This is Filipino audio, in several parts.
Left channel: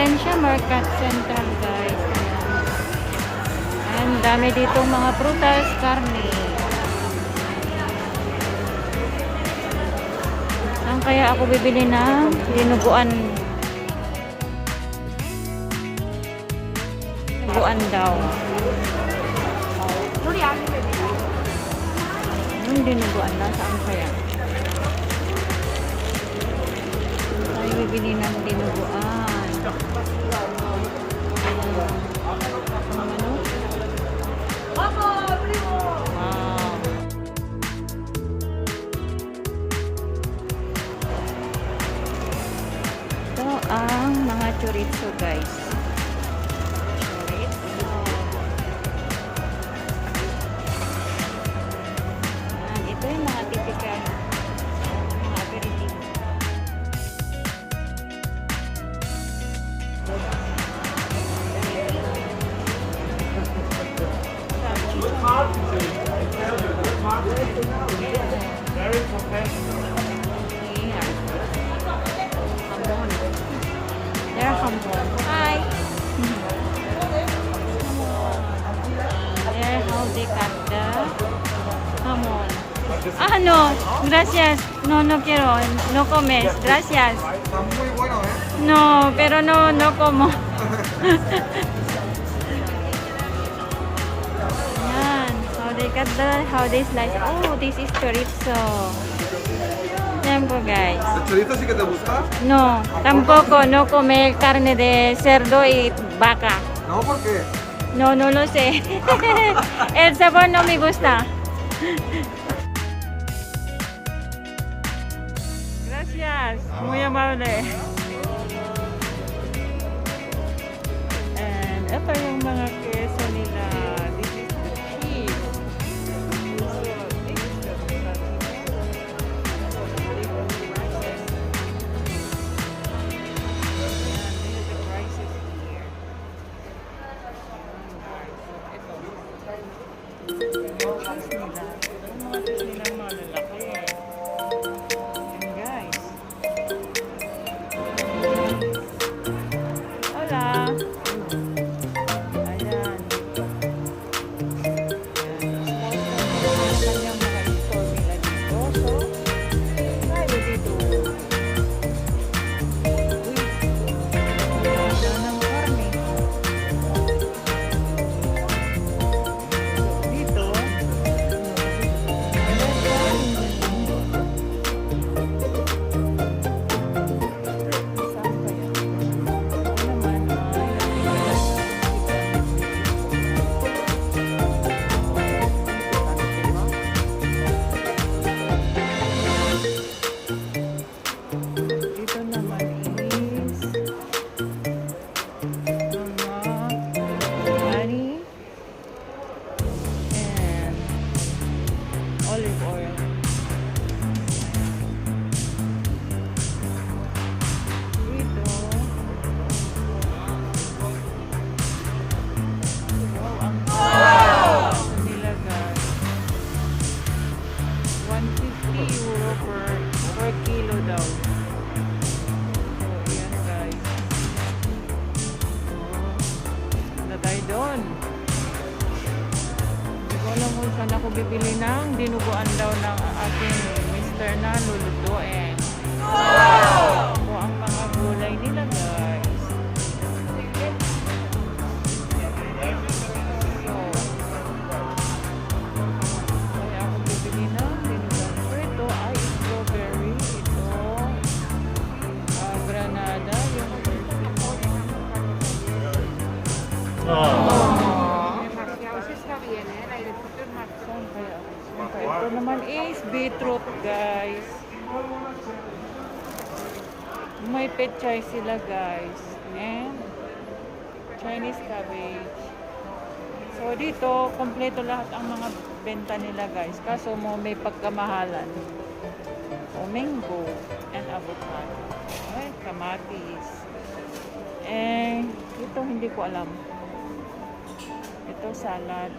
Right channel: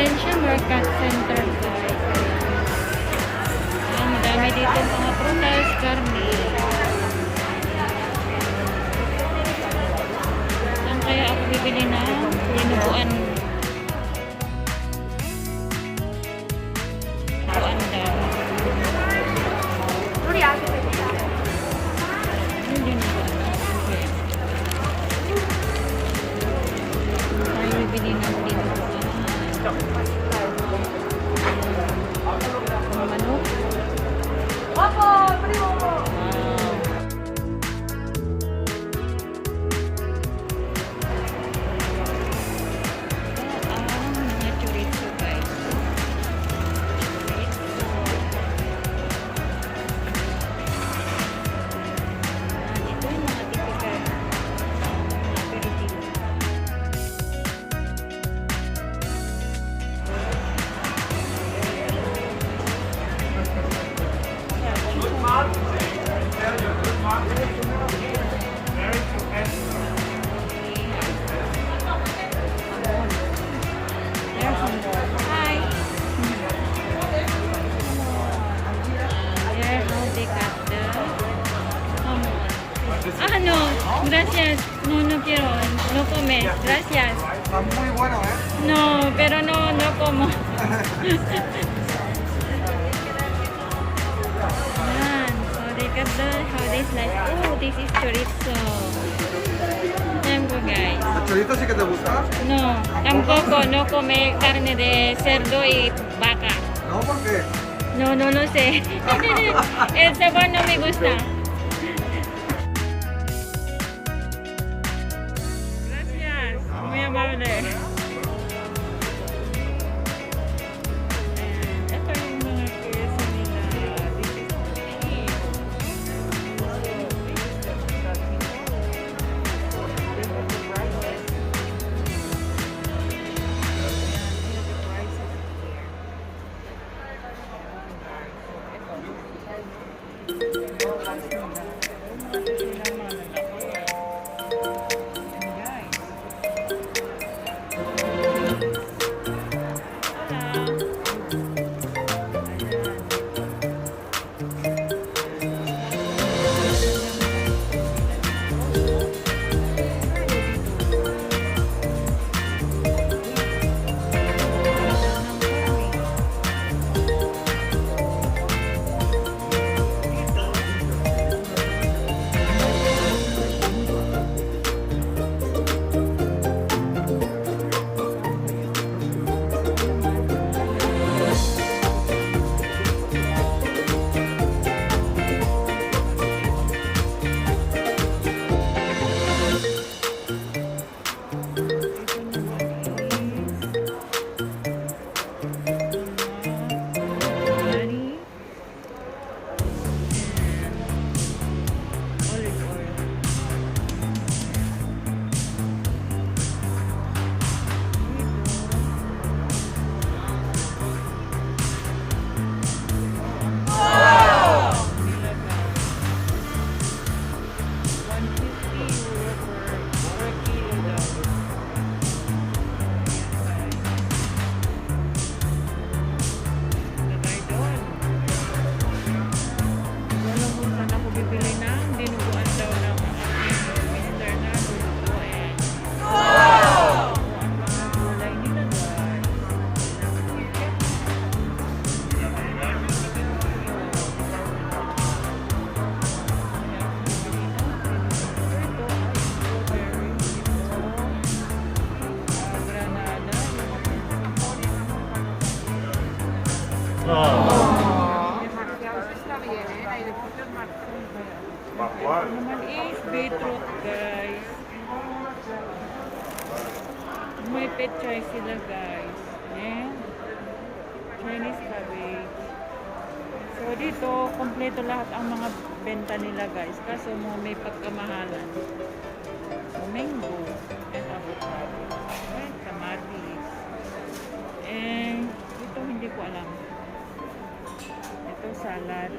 Valencia Market Center, guys. Ayan. Ayan, dami dito mga prutas, karne. Saan kaya ako bibili ng dinuguan? Dinuguan daw. Yung dinuguan daw, saan kaya? Tayo bibili ng dinuguan. Manok. Wow. Ito ang mga chorizo, guys. Chorizo. Ito yung mga typical mga aperitivo. Hi. Come on. There, how they cut the hamon. Ah, no. Gracias. No, no quiero. No comes. Gracias. Está muy bueno, ¿eh? No, pero no como. Yan. How they slice. Oh, this is chorizo. Yan po, guys. ¿El chorizo sí que te gusta? No, tampoco, no come carne de cerdo y vaca. No, ¿por qué? No, no lo sé. El sabor no me gusta. Gracias, muy amable. And ito yung mga queso nila. This is the cheese. So, this is the tocino. So, these are the prices. Ayan, these are the prices here. Ayan, guys. So, ito. Yung cheese nila. Ito yung mga cheese nila, mga lalaki. Ayan, guys. Hola. Olive oil. Dito. Wow! Nila, guys. 150 euro per kilo daw. So, ayan, guys. Wala tayo doon. Hindi ko alam kung saan ako bibili ng dinuguan daw ng aking mister na lulutuin. Wow! Ito ang mga gulay nila, guys. Kaya ako bibili ng dinuguan. Ito ay strawberry. Ito granada. Yung persimmon. Saan kaya ako? Ito naman is beetroot, guys. May pechay sila, guys. And Chinese cabbage. So, dito, kompleto lahat ang mga benta nila, guys. Kaso mo may pagkamahalan. O, mango and avocado. Ay, kamatis. And, ito hindi ko alam. Ito, salad.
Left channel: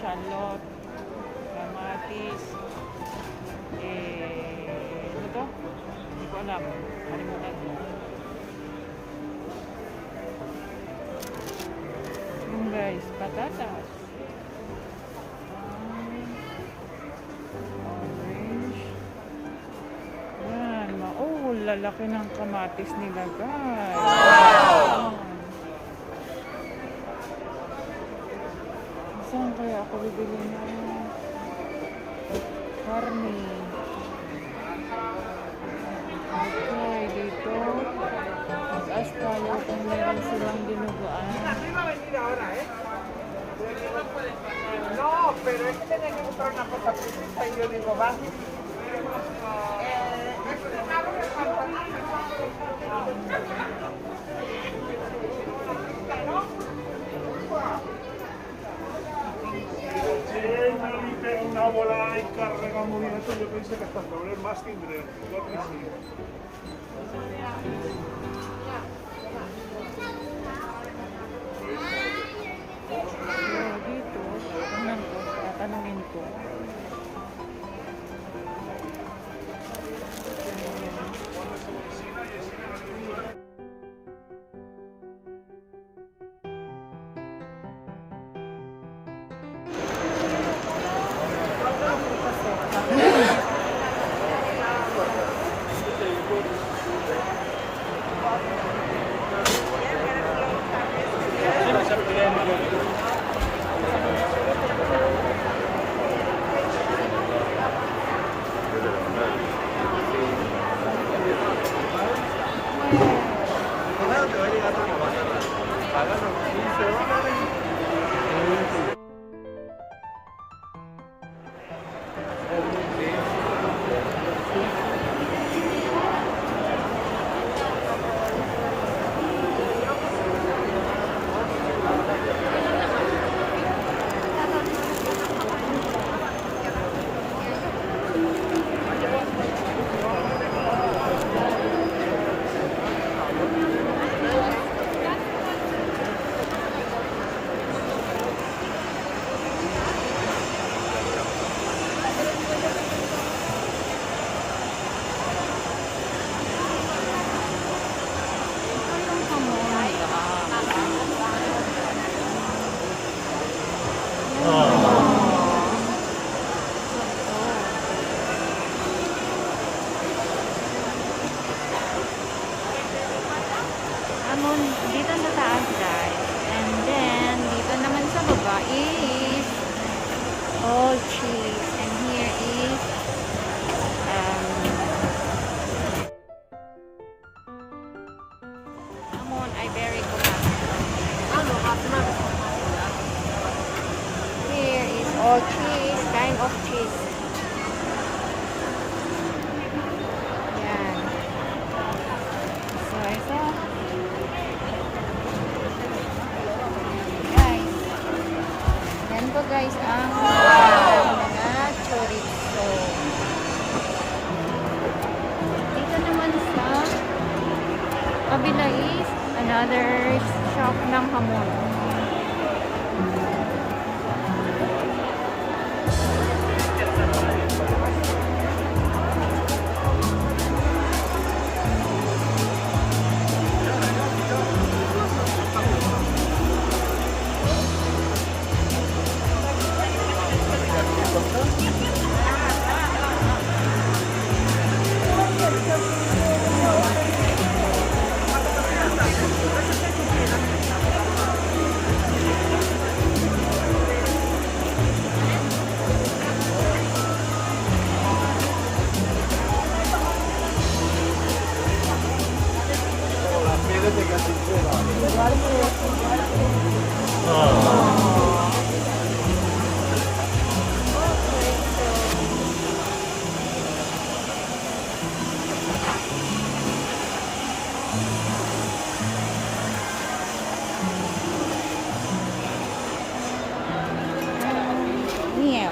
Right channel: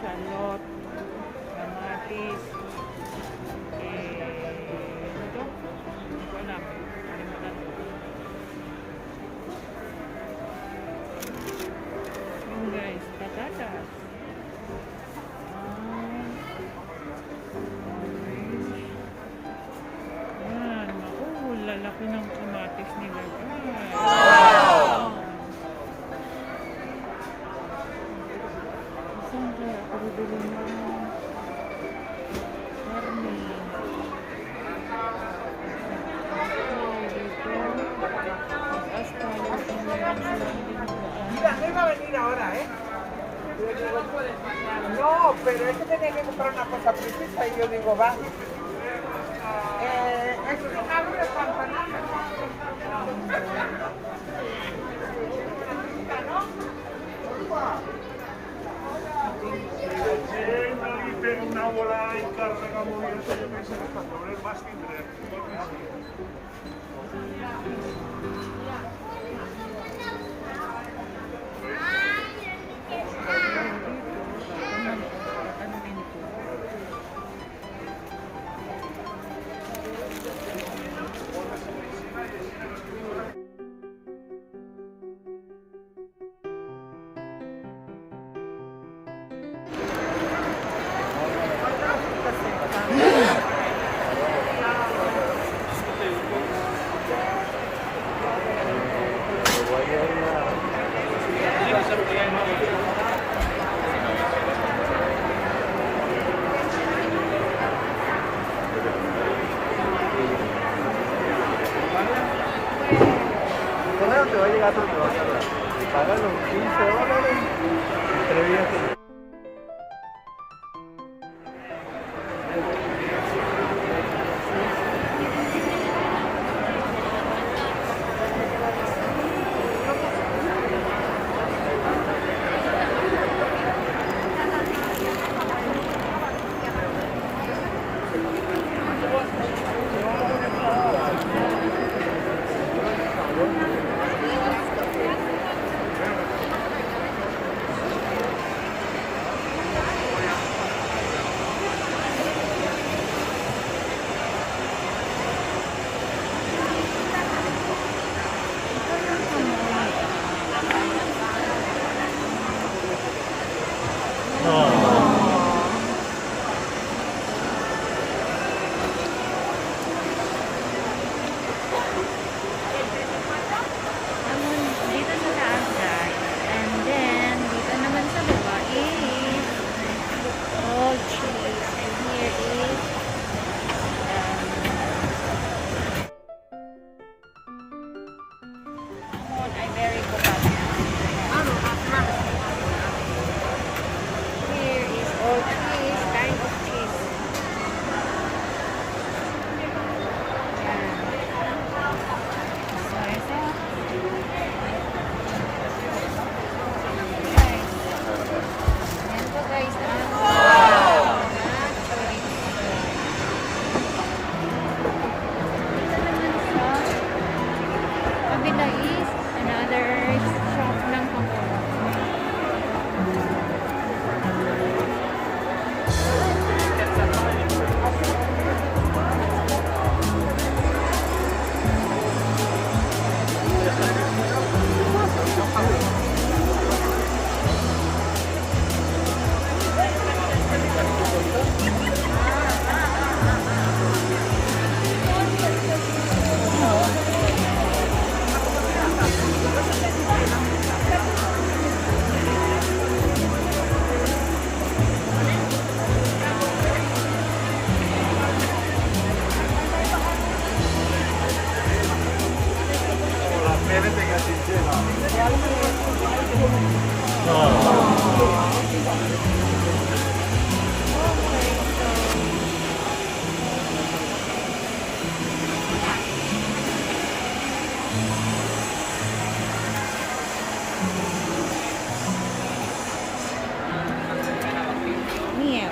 Shallot. Kamatis. Ano to? Hindi ko alam. Kalimutan ko. guys, patatas. Orange. Yan, lalaki ng kamatis nila guys. Wow! Saan kaya ako bibili ng karne? Okay, dito. Mag-ask tayo kung meron silang dinuguan. No, pero es que tiene que comprar una cosa precisa y yo digo, va. Este hambre una bola y carga movimiento, yo pensé que hasta mover más que ingreso. Pero dito, tingnan ko, tatanungin ko. Hamon dito sa taas guys, and then dito naman sa baba is all cheese, and here is hamon ay very kupata. Here is all cheese, kind of cheese. Yan. So guys, ang mga chorizo. Dito naman sa kabila is another shop ng hamon. Miel.